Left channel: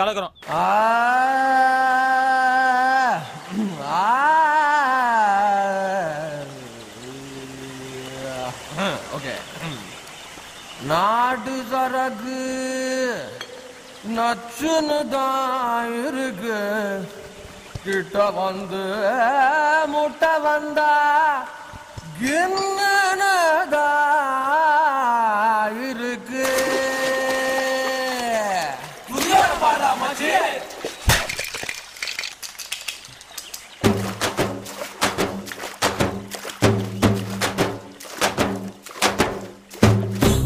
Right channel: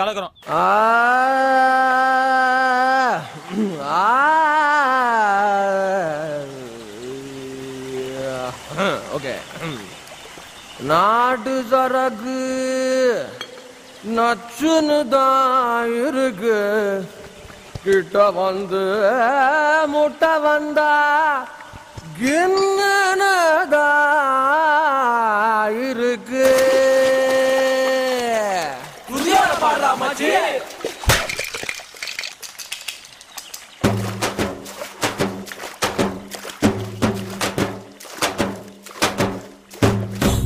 கலக்குறோம். Okay. நாட்டு சரக்கு நச்சுன்னு தான் இருக்கு. கிட்ட வந்து முட்டை வந்தா கின்னதா இருக்கு. புதிய பாடலாமாச்சு.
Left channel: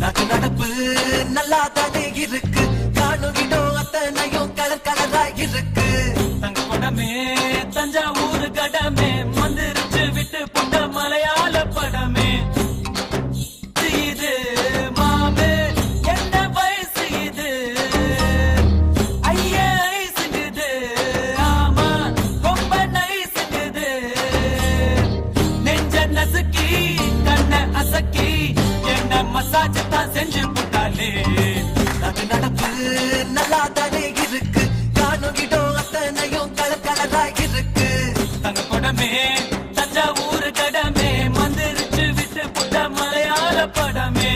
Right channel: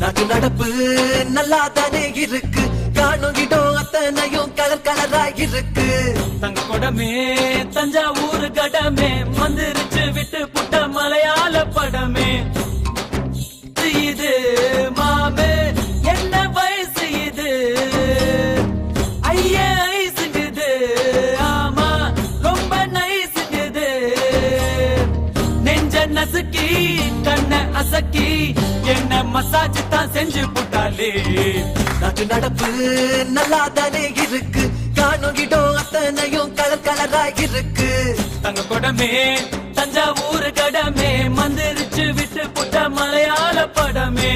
நாட்டு நடப்பு நல்லா தானே இருக்கு. காணுகிடும் அத்தனையும் கலர் கலரா இருக்கு. தங்க கொடமே தஞ்சாவூர் கடமே மந்திரிச்சு விட்டு புட்ட மலையாள படமே. இது மாமே என்ன வயசு இது ஐயா ஐசுங்குது. ஆமா ரொம்ப நைசுங்குது. நெஞ்ச நசுக்கி கண்ண அசக்கி என்ன மசாஜ் தான் செஞ்சு புட்டாலே. நாட்டு நடப்பு நல்லா தானே இருக்கு. காணுகிடும் அத்தனையும் கலர் கலரா இருக்கு. தங்க கொடமே தஞ்சாவூர் கடமே மந்திரிச்சு விட்டு புட்ட மலையாள படமே.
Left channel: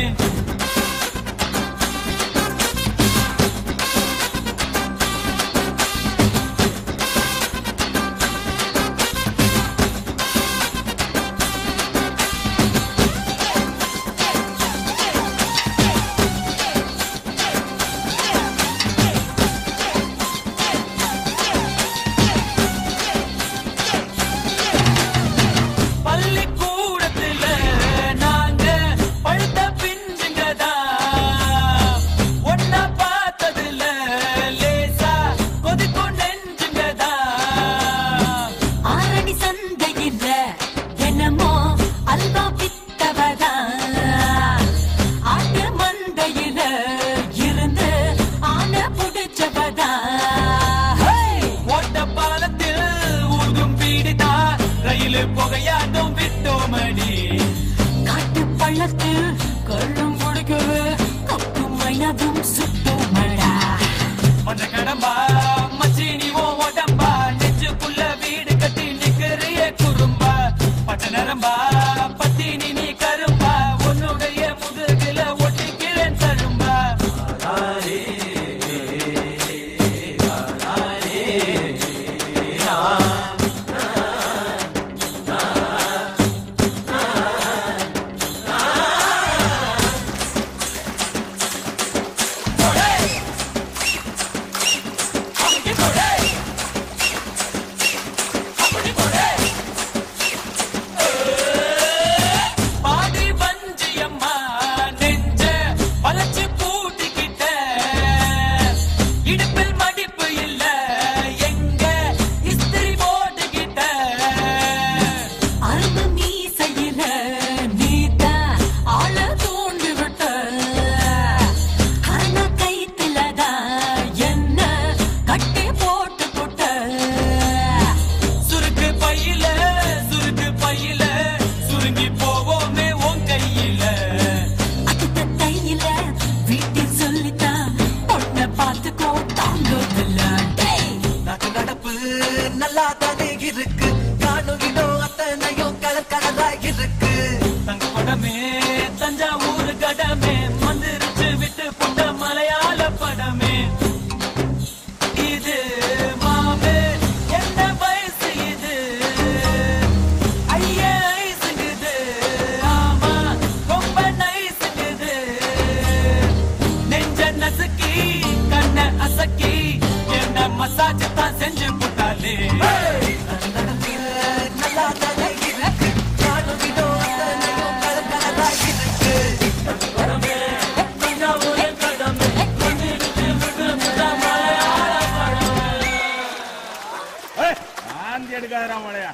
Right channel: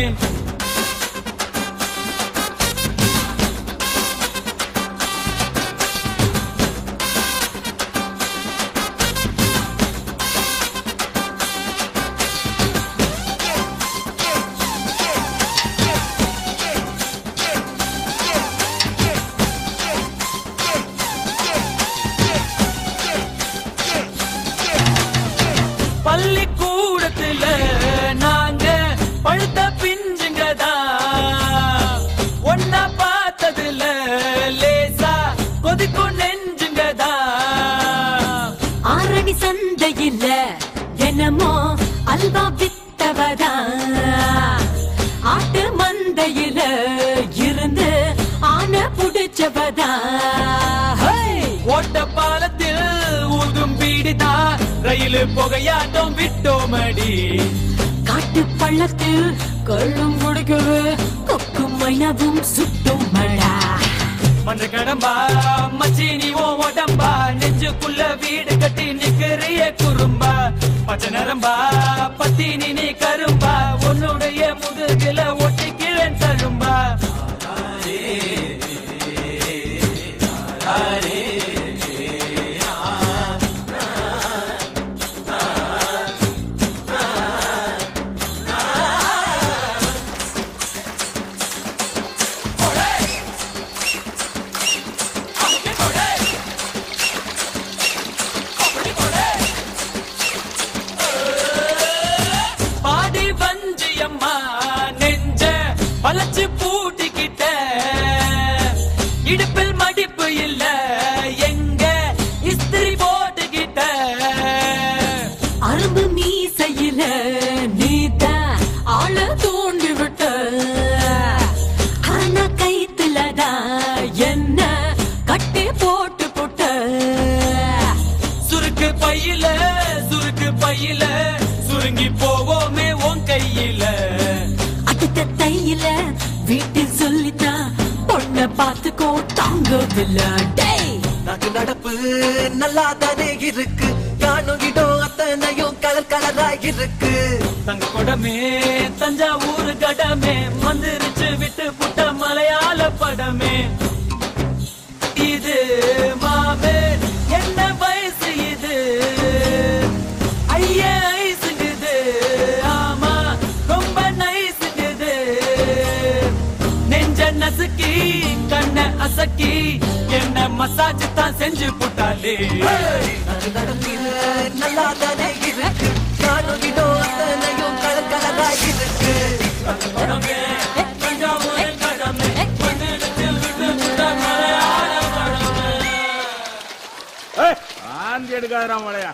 பள்ளிக்கூடத்துல நாங்க பழுத்த பிஞ்சுங்கதா. ஒன்னா பார்த்ததுல லேசா கொதிக்கும் நெஞ்சுங்கதா. ஆரணி சந்தையில தினமோ அல்வா வித்தவதா. ஆட்டு மந்தையில இருந்து ஆன புடிச்சவதா. ஓட்ட பாலத்தில் ஊதும் பீடிதா ரயில் புகையாட்டம் விட்டோமடி. காட்டு பள்ளத்தில் கள்ளும் குடிக்கவே கொக்கு மைனவும் சுட்டோமடா. மன்ற கடம்பா மச்சினி ஓ உடம்பா நெஞ்சுக்குள்ள வீடு கட்டி நிக்கிறிய குறும்பா. பச்சை நரம்பா பத்தினி நீ கரும்பா உன்னுடைய முதுகில ஒட்டிக்கிறேன் தழும்பா. பாடி வஞ்சியம்மா நெஞ்ச வளைச்சு பூட்டிக்கிட்ட. இடுப்பில் மடிப்பு இல்ல எங்க இஸ்திரி போட்டுக்கிட்ட. அரும்பு மீசையில நீதா ஆள தூண்டி விட்ட. ஆனா கைத்துலதான் என்ன கட்டி போட்டு புட்ட. சுருக்கு பையில சுருங்கி போவோமே உன் கையில. அடுத்த தையில வீட்டில் சொல்லித்தான் பொண்ண பார்த்துக்கோ தாங்கவில்லை. டேய் நாட்டு நடப்பு நல்லா தானே இருக்கு. காணுகிடும் அத்தனையும் கலர் கலரா இருக்கு. தங்க கொடமே தஞ்சாவூர் கடமே மந்திரிச்சு விட்டு புட்ட மலையாள படமே. இது மாமே என்ன வயசு இது ஐயா ஐசுங்குது. ஆமா ரொம்ப நைசுங்குது. நெஞ்ச நசுக்கி கண்ண அசக்கி என்ன மசாஜ் தான் செஞ்சு புட்டாலே. நாட்டு நடப்பு நல்லா தானே இருக்கு. காணுகிடும் அத்தனையும் கலர் கலரா இருக்கு. ஆந்தி எடுக்காதரா மழையா.